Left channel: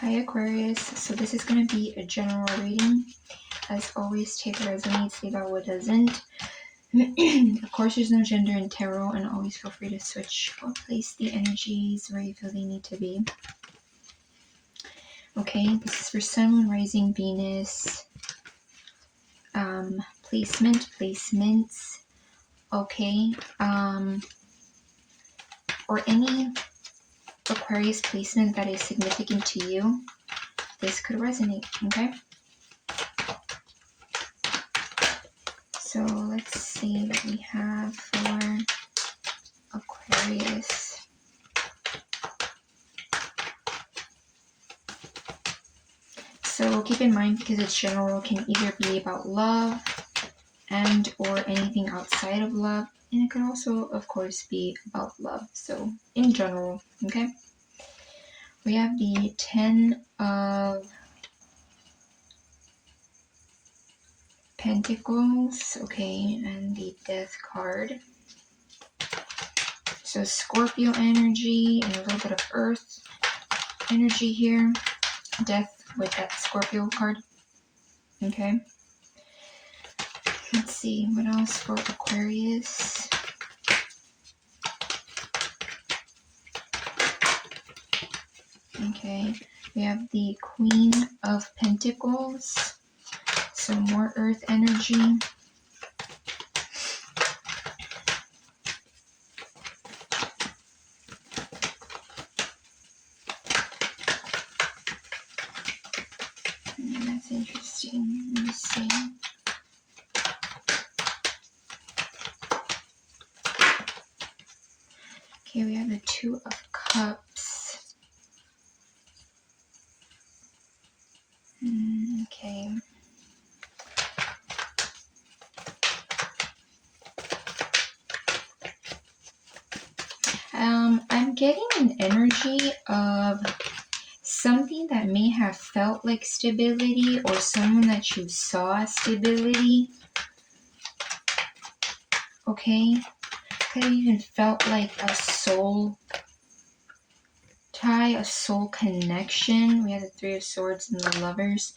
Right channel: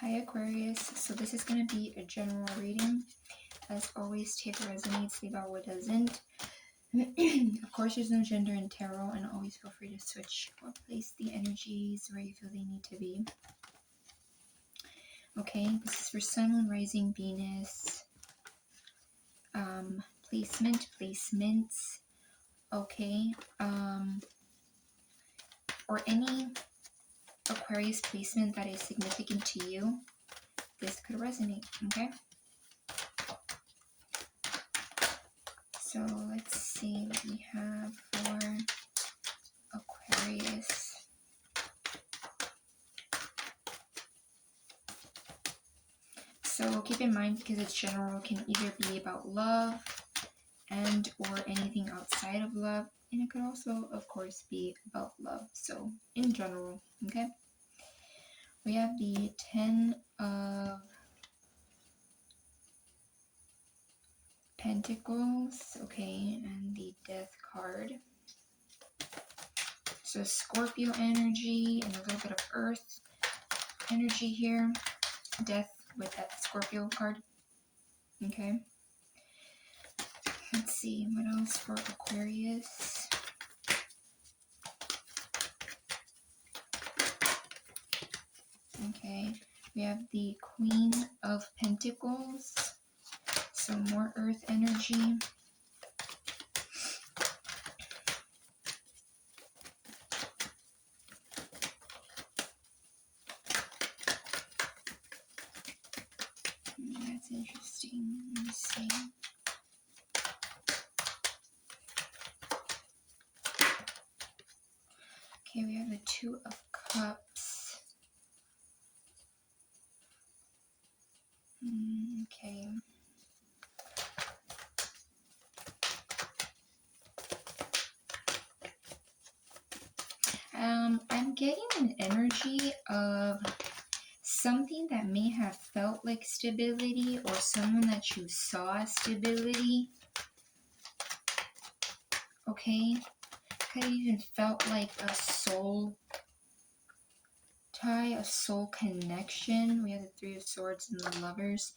Hi Aquarius, so this is going to be a general reading. As always, take what resonates, leave out what doesn't. Of course, there's no gender in tarot, and always feel free to switch or place the energies where you feel they need to be. Okay, this is for Sun, Moon, Rising, Venus. Placements. Okay, or any Aquarius placement that is significant to you. This could resonate, okay? So let's see what we have for Aquarius. So keep in mind, because it's general, can either be about love and or anything outside of love. And it could also, of course, be about love. So in general, okay? We have the 10 of Pentacles, okay, and the Death card. So Scorpio energy and a little bit of Earth energy here. Death with that Scorpio card. Okay. Let's see, what else for Aquarius? Okay, we have the Queen of Pentacles. So more Earth energy. That's interesting. Let me see. Okay, we have the Two of Cups. Okay. I'm getting an energy of something that may have felt like stability, or someone that you saw stability. Okay. Could have even felt like a soul tie, a soul connection. We have the Three of Swords and the Lovers.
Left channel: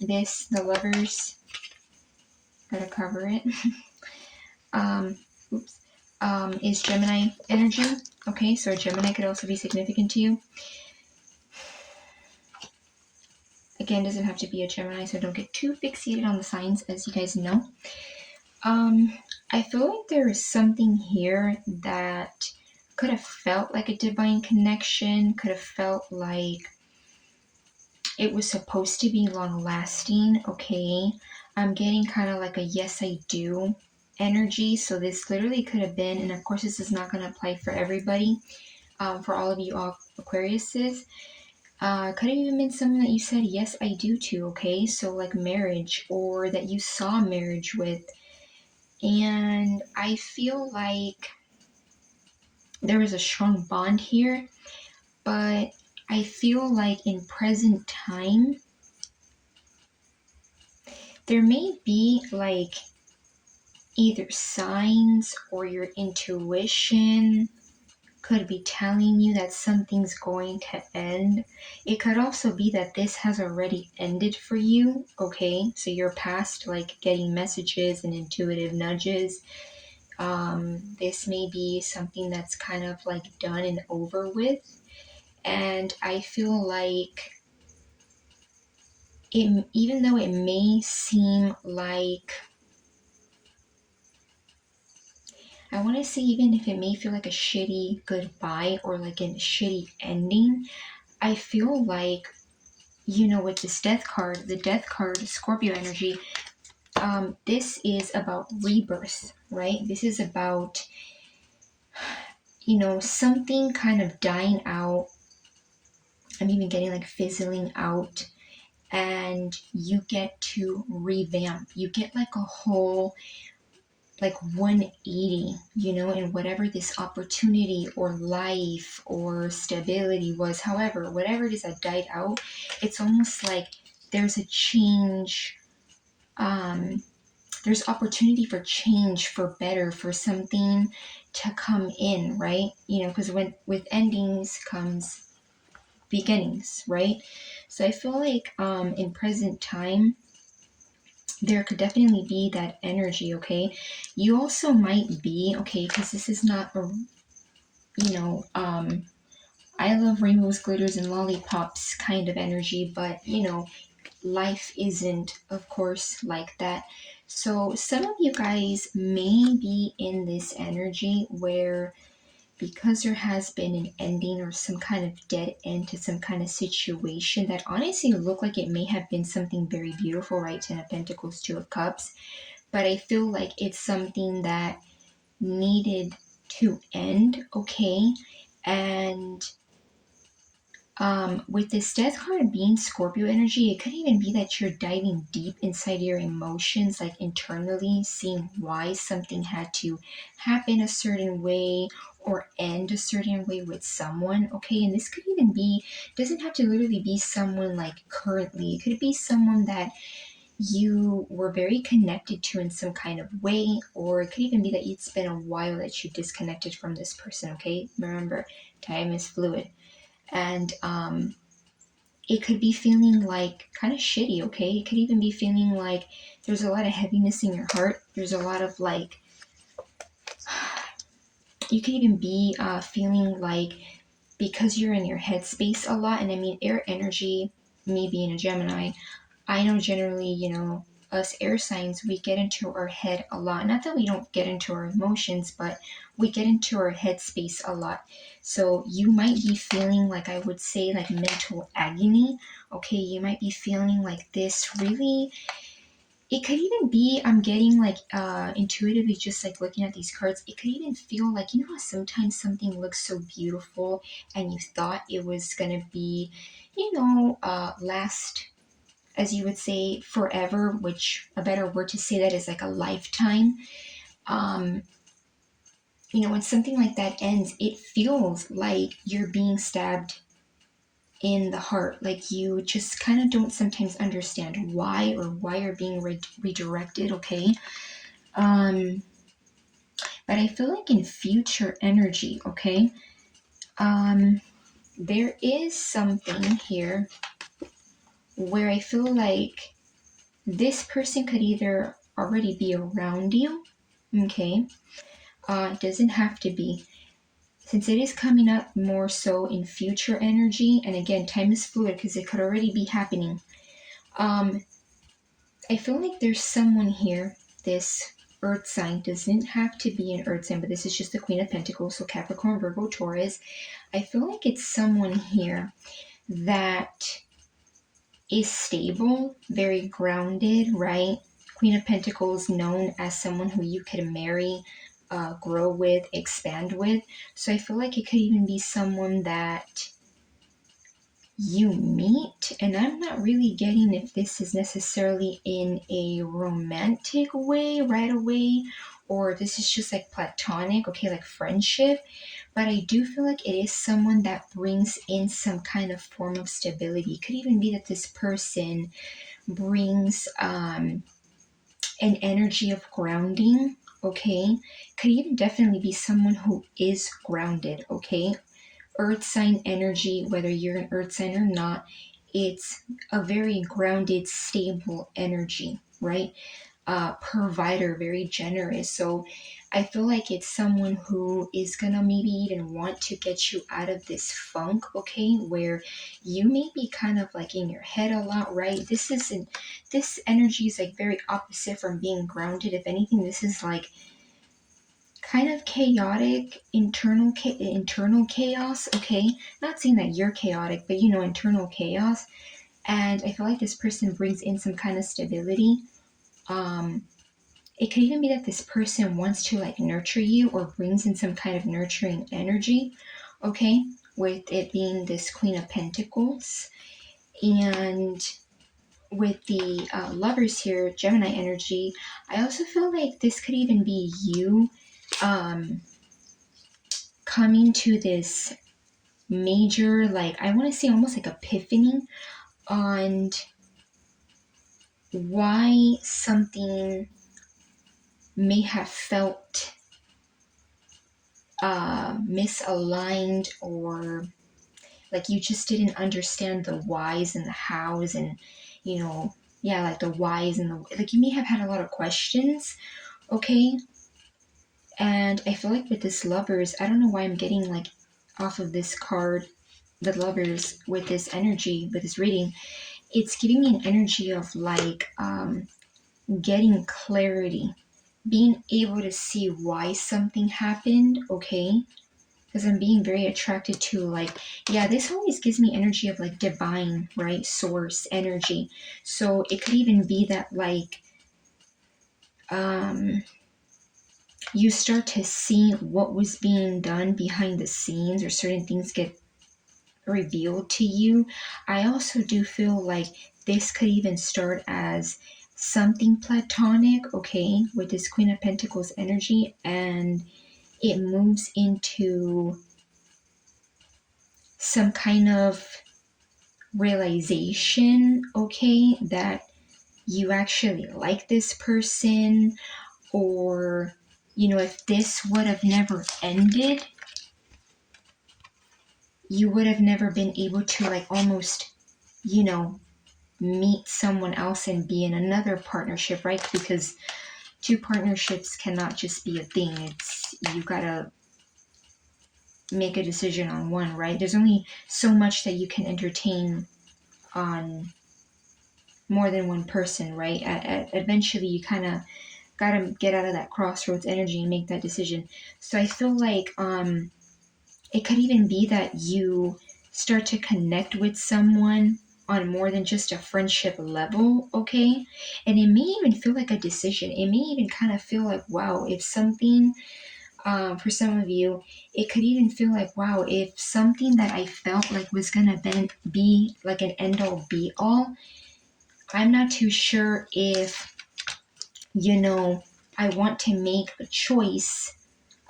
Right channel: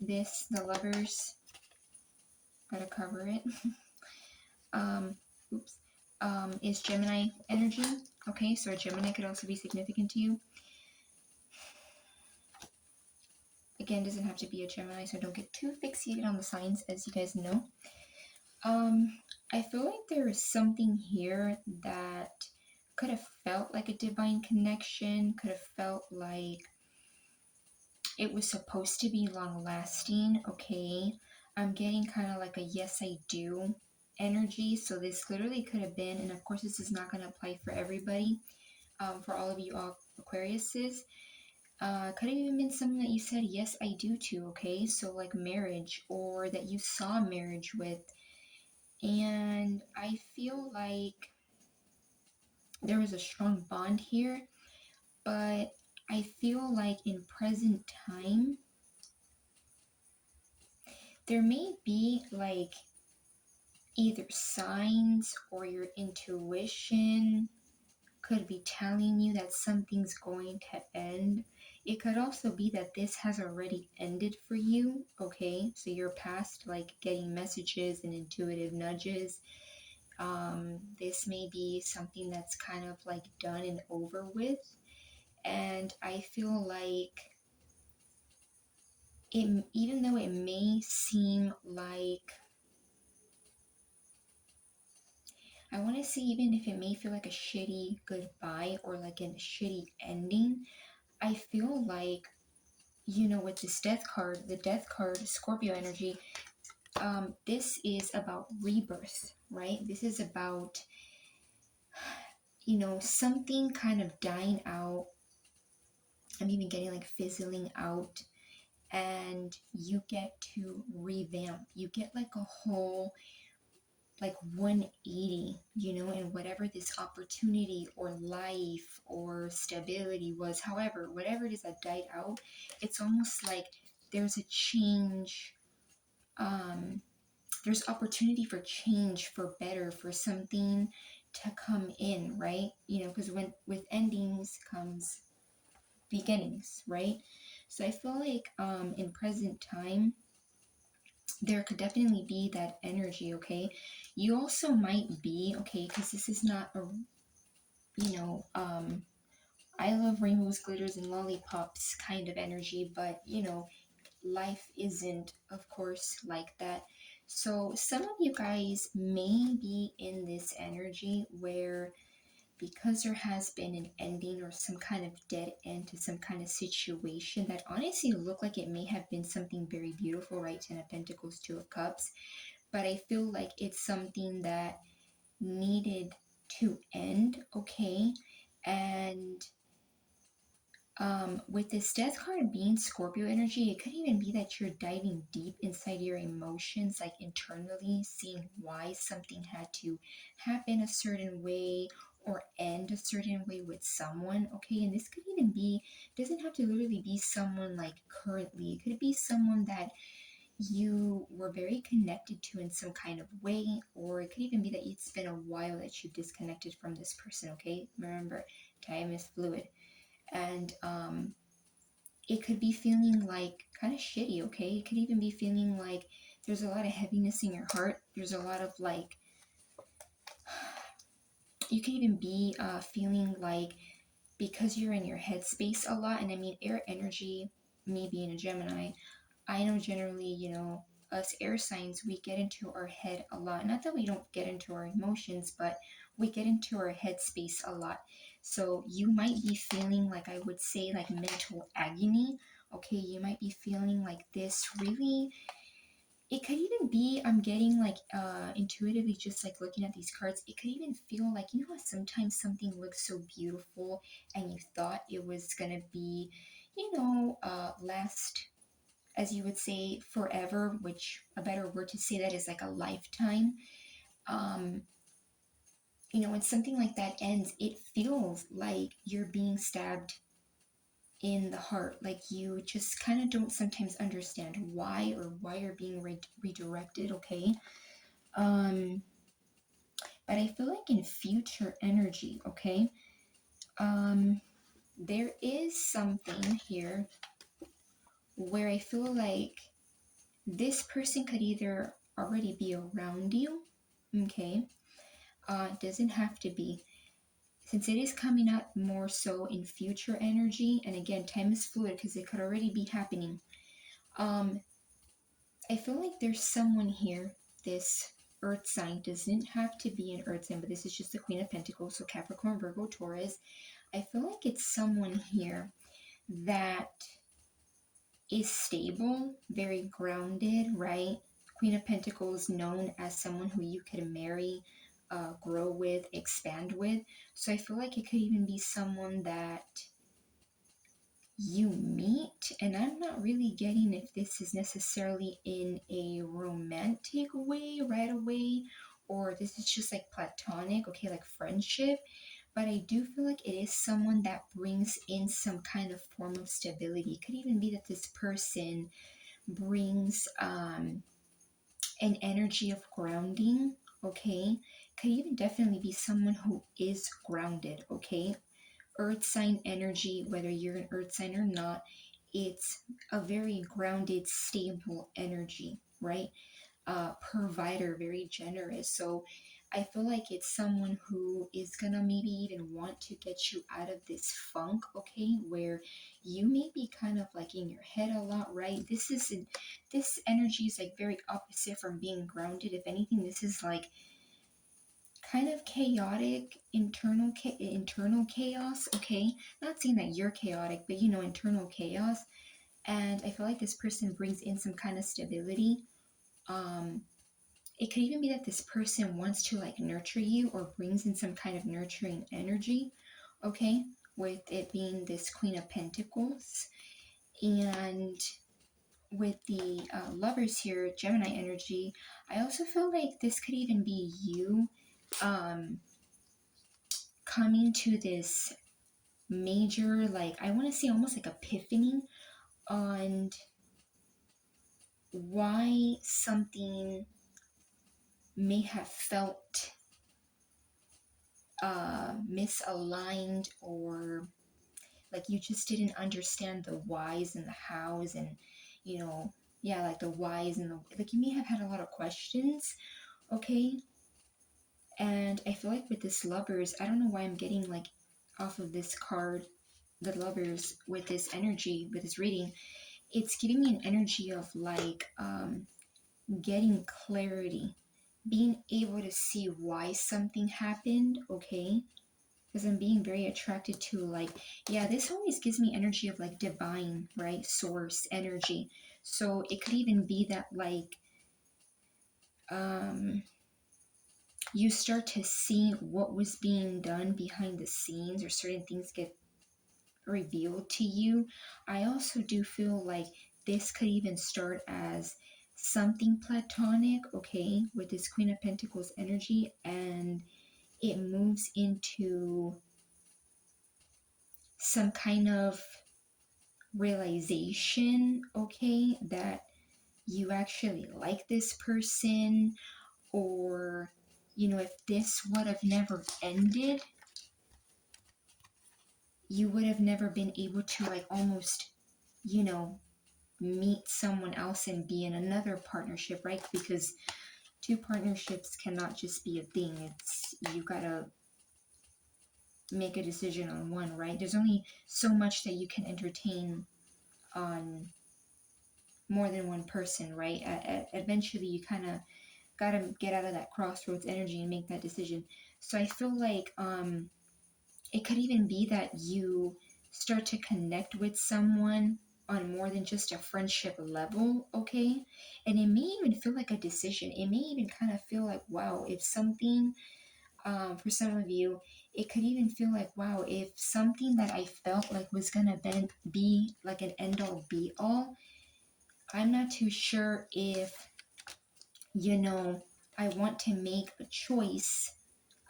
The Lovers, gotta cover it. Is Gemini energy. Okay, so Gemini could also be significant to you. Again, doesn't have to be a Gemini, so don't get too fixated on the signs, as you guys know. I feel like there is something here that could have felt like a divine connection, could have felt like it was supposed to be long lasting. Okay, I'm getting kind of like a yes I do energy. So this literally could have been, and of course this is not going to apply for everybody, for all of you Aquariuses. Could have even been someone that you said yes I do to. Okay, so like marriage, or that you saw marriage with. And I feel like there was a strong bond here, but I feel like in present time there may be like either signs or your intuition could be telling you that something's going to end. It could also be that this has already ended for you. Okay, so you're past like getting messages and intuitive nudges. This may be something that's kind of like done and over with. And I feel like it, even though it may seem like, I want to say, even if it may feel like a shitty goodbye or like a shitty ending, I feel like, with this Death card, the Death card, Scorpio energy, this is about rebirth, right? This is about, something kind of dying out. I'm even getting like fizzling out, and you get to revamp. You get like a whole like 180, in whatever this opportunity or life or stability was. However, whatever it is that died out, it's almost like there's a change. There's opportunity for change, for better, for something to come in, right? Because with endings comes beginnings, right? So I feel like in present time, there could definitely be that energy, okay? You also might be, okay, because this is not a, you know, I love rainbows, glitters, and lollipops kind of energy, but life isn't, of course, like that. So some of you guys may be in this energy where, because there has been an ending or some kind of dead end to some kind of situation that honestly looked like it may have been something very beautiful, right? Ten of Pentacles, Two of Cups. But I feel like it's something that needed to end, okay? And with this death card being Scorpio energy, it could even be that you're diving deep inside your emotions, like internally, seeing why something had to happen a certain way or end a certain way with someone, okay? And this could even be, doesn't have to literally be someone like currently. It could be someone that you were very connected to in some kind of way, or it could even be that it's been a while that you disconnected from this person, okay? Remember, time is fluid. And it could be feeling like kind of shitty, okay? It could even be feeling like there's a lot of heaviness in your heart. There's a lot of like, you could even be feeling like, because you're in your headspace a lot, and I mean, air energy, me being a Gemini, I know generally, us air signs, we get into our head a lot. Not that we don't get into our emotions, but we get into our headspace a lot. So you might be feeling like, I would say, like mental agony. Okay, you might be feeling like this really. It could even be, I'm getting like intuitively, just like looking at these cards, it could even feel like, how sometimes something looks so beautiful and you thought it was gonna be, last, as you would say, forever, which a better word to say that is like a lifetime. Um, when something like that ends, it feels like you're being stabbed in the heart. Like you just kind of don't sometimes understand why, or why you're being redirected, okay? Um, but I feel like in future energy, okay? There is something here where I feel like this person could either already be around you, okay? It doesn't have to be. Since it is coming up more so in future energy, and again, time is fluid because it could already be happening. I feel like there's someone here, this earth sign, doesn't have to be an earth sign, but this is just the Queen of Pentacles, so Capricorn, Virgo, Taurus. I feel like it's someone here that is stable, very grounded, right? Queen of Pentacles, known as someone who you could marry, grow with, expand with. So I feel like it could even be someone that you meet, and I'm not really getting if this is necessarily in a romantic way right away, or if this is just like platonic, okay, like friendship. But I do feel like it is someone that brings in some kind of form of stability. It could even be that this person brings an energy of grounding, okay? Could even definitely be someone who is grounded, okay? Earth sign energy, whether you're an earth sign or not, it's a very grounded, stable energy, right? Provider, very generous. So I feel like it's someone who is gonna maybe even want to get you out of this funk, okay, where you may be kind of like in your head a lot, right? This energy is like very opposite from being grounded. If anything, this is like kind of chaotic, internal chaos, okay? Not saying that you're chaotic, but internal chaos. And I feel like this person brings in some kind of stability. Um, it could even be that this person wants to like nurture you, or brings in some kind of nurturing energy, okay? With it being this Queen of Pentacles. And with the lovers here, Gemini energy, I also feel like this could even be you coming to this major, like, I want to say almost like epiphany on why something may have felt misaligned, or Like you just didn't understand the whys and the hows and, you know, yeah, like the whys and the, like you may have had a lot of questions, okay? And I feel like with this lovers, I don't know why I'm getting like off of this card, the lovers, with this energy, with this reading, it's giving me an energy of like getting clarity, being able to see why something happened, okay? Because I'm being very attracted to like, yeah, this always gives me energy of like divine, right? Source energy. So it could even be that like um you start to see what was being done behind the scenes, or certain things get revealed to you. I also do feel like this could even start as something platonic, okay, with this Queen of Pentacles energy, and it moves into some kind of realization, okay, that you actually like this person, or, you know, if this would have never ended, you would have never been able to like almost, you know, meet someone else and be in another partnership, right? Because two partnerships cannot just be a thing. It's, you gotta make a decision on one, right? There's only so much that you can entertain on more than one person, right? Eventually, you kind of gotta get out of that crossroads energy and make that decision. So I feel like it could even be that you start to connect with someone on more than just a friendship level, okay? And it may even feel like a decision. It may even kind of feel like, wow, if something, for some of you, it could even feel like, wow, if something that I felt like was gonna be like an end all be all, I'm not too sure if, you know, I want to make a choice,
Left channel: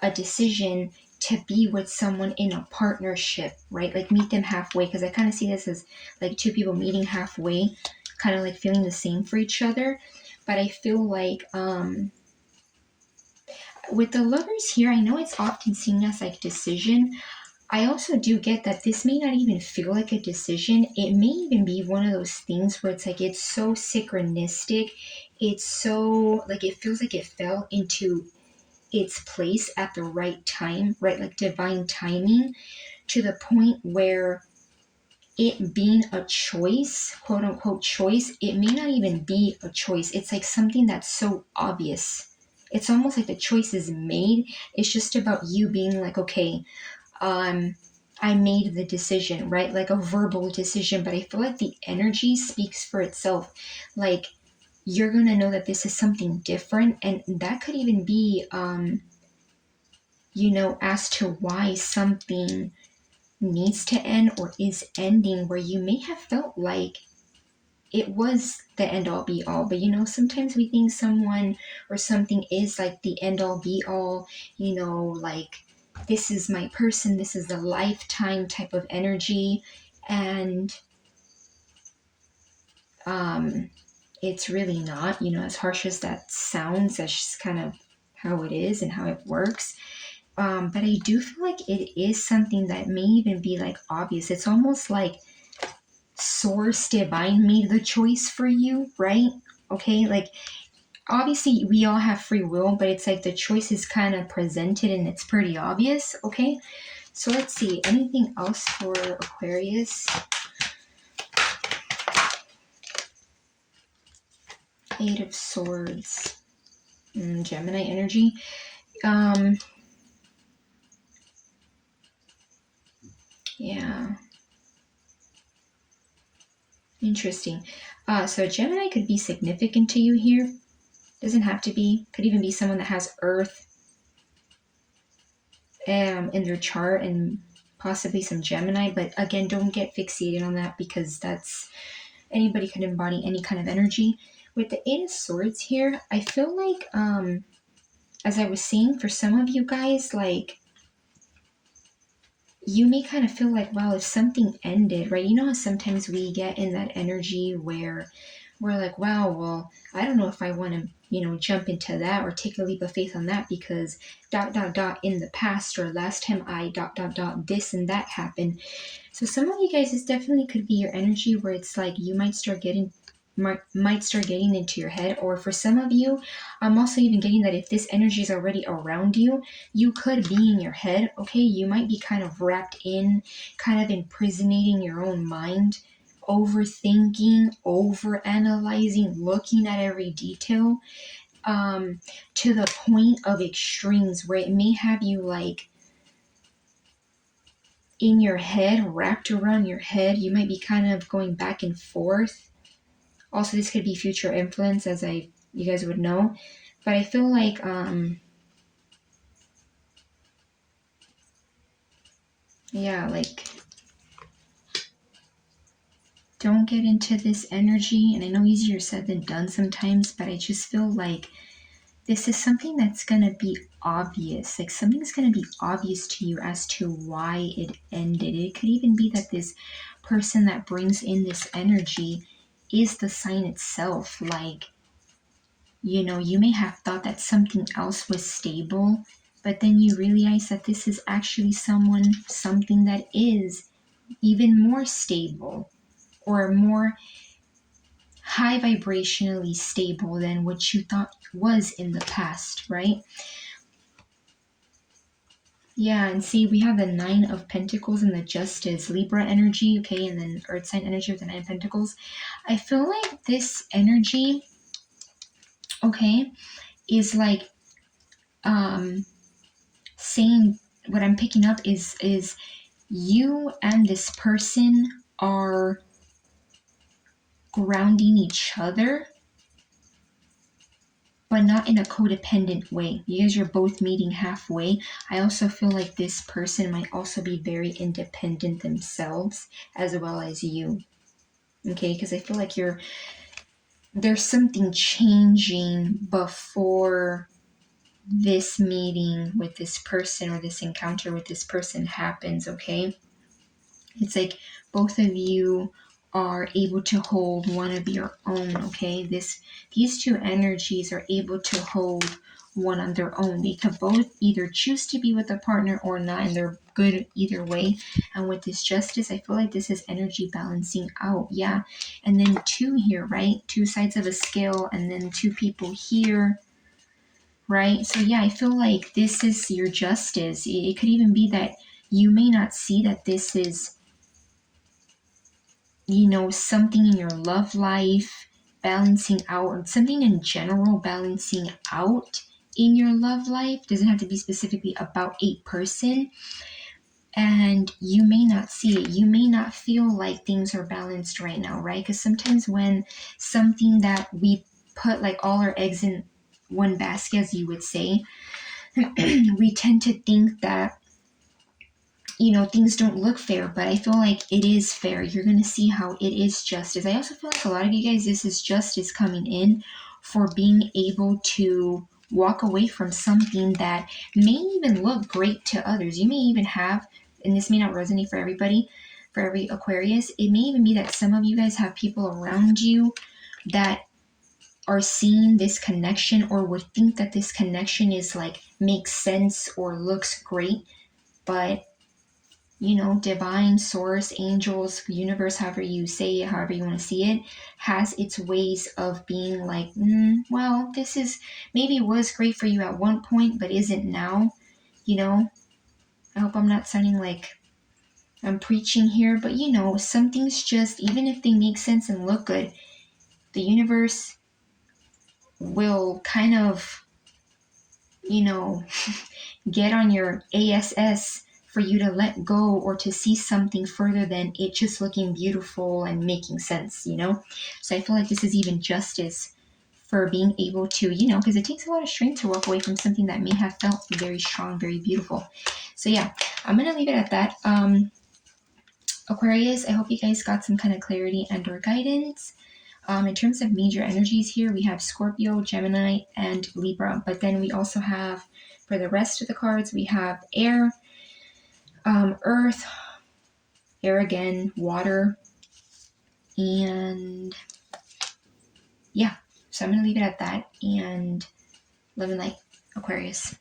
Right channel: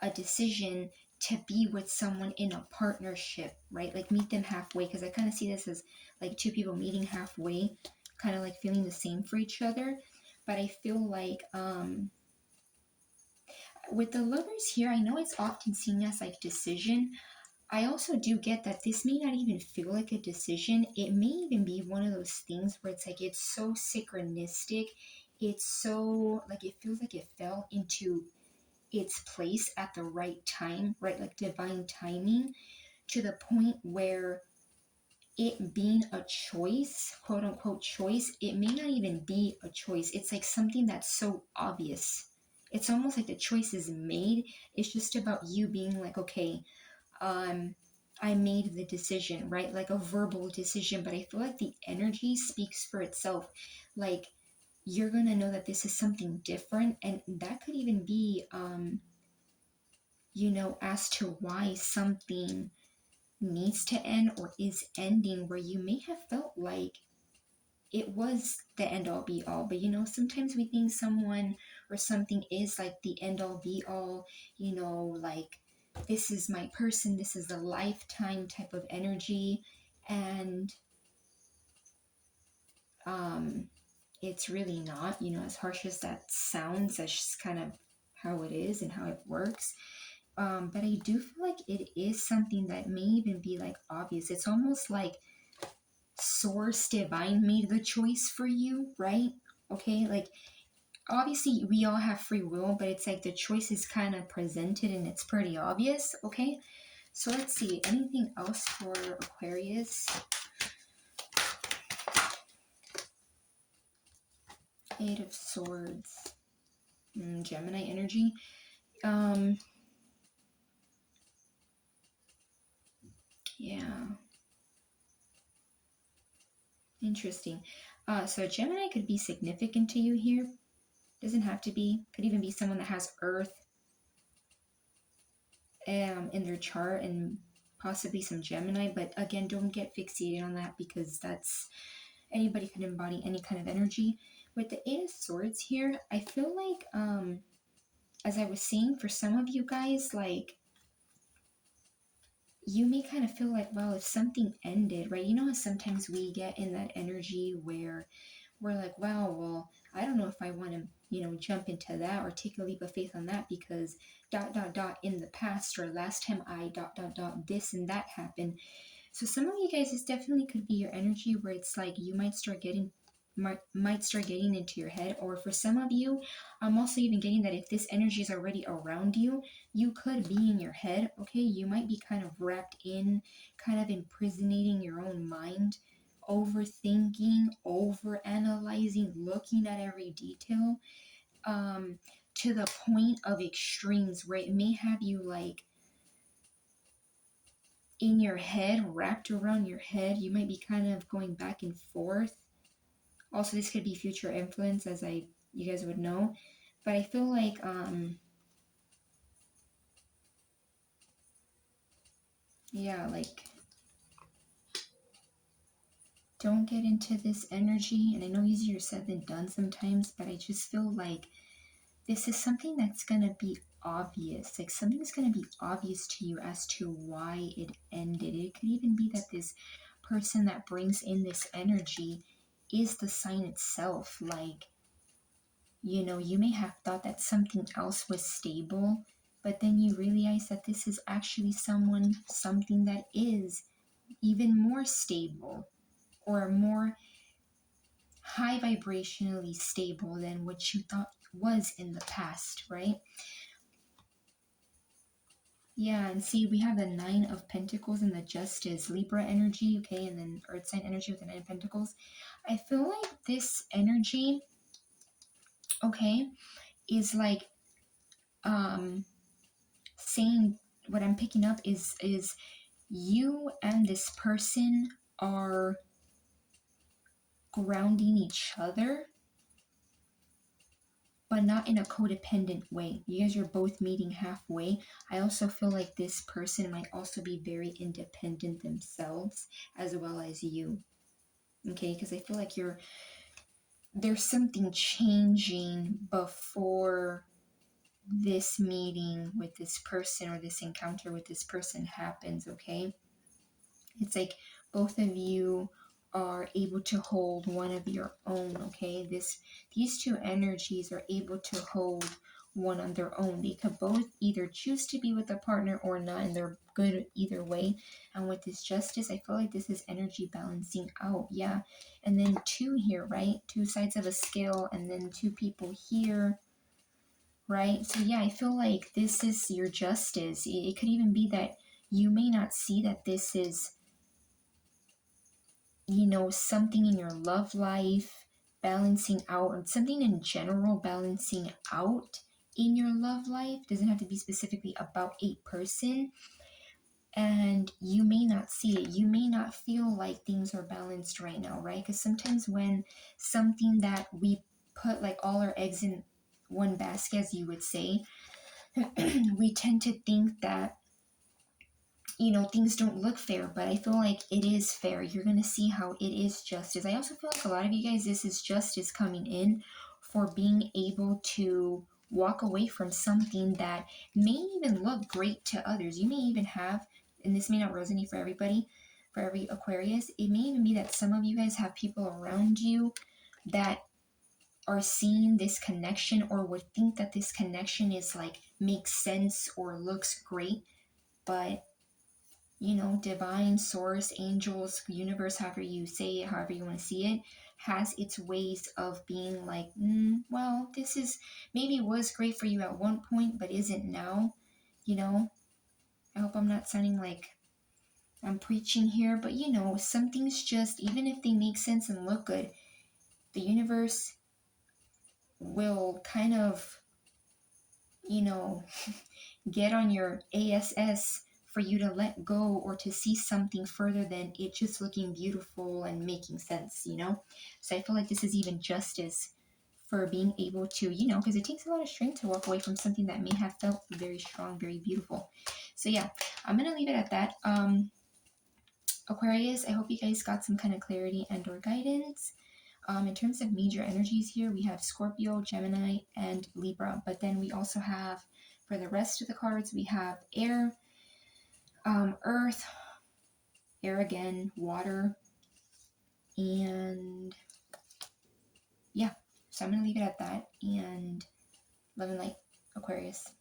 a decision to be with someone in a partnership, right? Like meet them halfway, because I kind of see this as like two people meeting halfway, kind of like feeling the same for each other. But I feel like with the lovers here, I know it's often seen as like decision. I also do get that this may not even feel like a decision. It may even be one of those things where it's like it's so synchronistic. It's so like it feels like it fell into its place at the right time, right? Like divine timing, to the point where it being a choice, quote unquote choice, it may not even be a choice. It's like something that's so obvious. It's almost like the choice is made. It's just about you being like, okay, I made the decision, right? Like a verbal decision, but I feel like the energy speaks for itself. Like you're gonna know that this is something different, and that could even be you know, as to why something needs to end or is ending, where you may have felt like it was the end all be all. But you know, sometimes we think someone or something is like the end all be all, you know, like this is my person, this is a lifetime type of energy. And um it's really not, you know, as harsh as that sounds, that's just kind of how it is and how it works. But I do feel like it is something that may even be like obvious. It's almost like source divine made the choice for you, right? Okay, like obviously we all have free will, but it's like the choice is kind of presented and it's pretty obvious, okay? So let's see, anything else for Aquarius? Eight of Swords, Gemini energy. Yeah, interesting. So Gemini could be significant to you here. Doesn't have to be. Could even be someone that has Earth in their chart, and possibly some Gemini. But again, don't get fixated on that, because that's, anybody can embody any kind of energy. With the Eight of Swords here, I feel like as I was saying, for some of you guys, like you may kind of feel like, wow, if something ended, right? You know how sometimes we get in that energy where we're like, wow, well, I don't know if I want to, jump into that or take a leap of faith on that because dot dot dot in the past or last time I dot dot dot this and that happened. So some of you guys, this definitely could be your energy where it's like you might start getting into your head. Or for some of you, I'm also even getting that if this energy is already around you, you could be in your head. Okay, you might be kind of wrapped in, kind of imprisonating your own mind, overthinking, over analyzing, looking at every detail, to the point of extremes where it may have you like in your head, wrapped around your head. You might be kind of going back and forth. Also, this could be future influence, as you guys would know. But I feel like yeah, like don't get into this energy. And I know easier said than done sometimes, but I just feel like this is something that's gonna be obvious. Like something's gonna be obvious to you as to why it ended. It could even be that this person that brings in this energy is the sign itself. Like, you may have thought that something else was stable, but then you realize that this is actually something that is even more stable or more high vibrationally stable than what you thought was in the past, right? Yeah, and see, we have the Nine of Pentacles and the Justice, Libra energy, okay, and then Earth sign energy with the Nine of Pentacles. I feel like this energy, okay, is like saying, what I'm picking up is you and this person are grounding each other, but not in a codependent way. You guys are both meeting halfway. I also feel like this person might also be very independent themselves as well as you. Okay, because I feel like there's something changing before this meeting with this person or this encounter with this person happens, okay? It's like both of you are able to hold one of your own, okay? These two energies are able to hold one on their own. They could both either choose to be with a partner or not, and they're good either way. And with this justice, I feel like this is energy balancing out. Yeah. And then two here, right? Two sides of a scale, and then two people here, right? So yeah, I feel like this is your justice. It could even be that you may not see that this is something in your love life balancing out, or something in general balancing out in your love life. Doesn't have to be specifically about a person. And you may not see it. You may not feel like things are balanced right now, right? Because sometimes when something that we put like all our eggs in one basket, as you would say, we tend to think that things don't look fair, but I feel like it is fair. You're going to see how it is justice. I also feel like a lot of you guys, this is justice coming in for being able to walk away from something that may even look great to others. You may even have, and this may not resonate for everybody, for every Aquarius, it may even be that some of you guys have people around you that are seeing this connection or would think that this connection is like makes sense or looks great, but divine source, angels, universe, however you say it, however you want to see it, has its ways of being like, well, this is maybe was great for you at one point, but isn't now. I hope I'm not sounding like I'm preaching here, but some things just, even if they make sense and look good, the universe will kind of, you know, get on your ASS for you to let go or to see something further than it just looking beautiful and making sense. So I feel like this is even justice for being able to, because it takes a lot of strength to walk away from something that may have felt very strong, very beautiful. So yeah, I'm going to leave it at that. Aquarius, I hope you guys got some kind of clarity and or guidance. In terms of major energies here, we have Scorpio, Gemini, and Libra. But then we also have, for the rest of the cards, we have air, earth, air again, water, and yeah, so I'm gonna leave it at that, and love and light, Aquarius.